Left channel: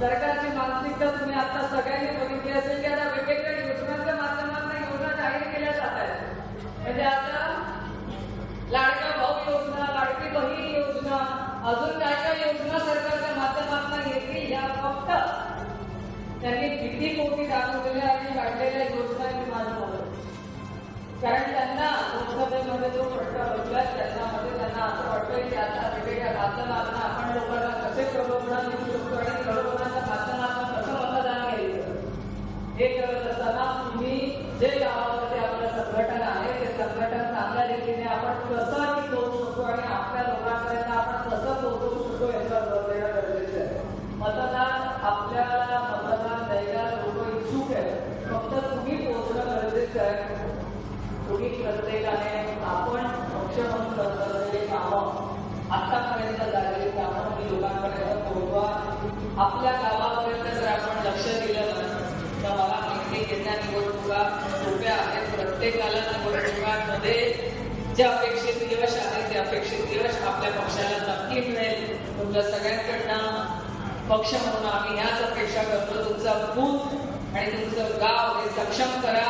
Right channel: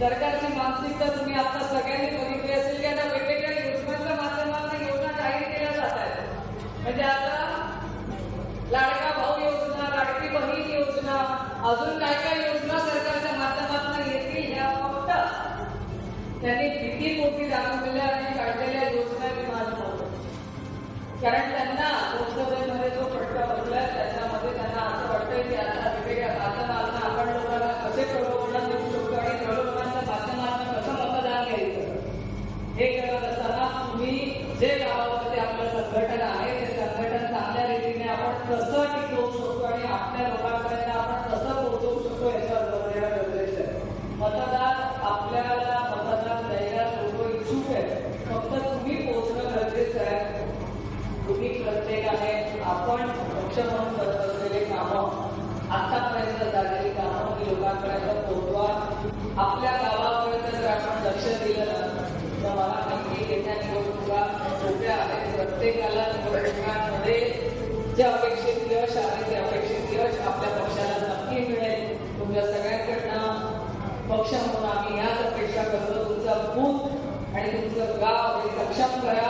सरकारची मानसिकता तुम्ही आता सगळ्यांनी बघितली असेल की आता वेगवेगळ्या योजनांच्या माध्यमातून योजना जाहीर केल्या जात आहेत. म्हणजे आता लाडका भाऊ योजना लाडकी बहीण योजना अजून काय काय योजना सरकारच्या माध्यमातून येतील ह्या फक्त त्यांनी किती मोठी दाखवलेल्या आणि काढलेल्या योजना मी कारण त्यांना लोकसभेमध्ये प्रश्न हे करत असताना तुम्ही जे गावामध्ये आपलं संघटन आहे ते संघटन चांगल्या रीतीने आपण कसं टिकवू शकतो आणि आपल्या लोकांपर्यंत आपण कसं पोहोचवू शकतो याचा भर देणं गरजेचं आहे. मतदार आपल्या मतदान द्यायला लोक इच्छुक आहे फक्त तुम्ही पोहोचणं गरजेचं आहे. तुम्ही प्रत्येकाने आपण पक्ष म्हणून करत असलेले कामं आतापर्यंत झालेली कामं लोकांपर्यंत पोहोचवा. आपल्या गावात प्रत्येकाला निवडणुकांमध्ये जे अपेक्षित यश आहे ते अपेक्षित यश आपल्या पक्षाला नक्की मिळेल. तुमच्या सगळ्यांकडनं पक्ष म्हणून आम्ही याच अपेक्षा करतो. तुमचा बूथ आणि तुमचं गाव हे सक्षम करा.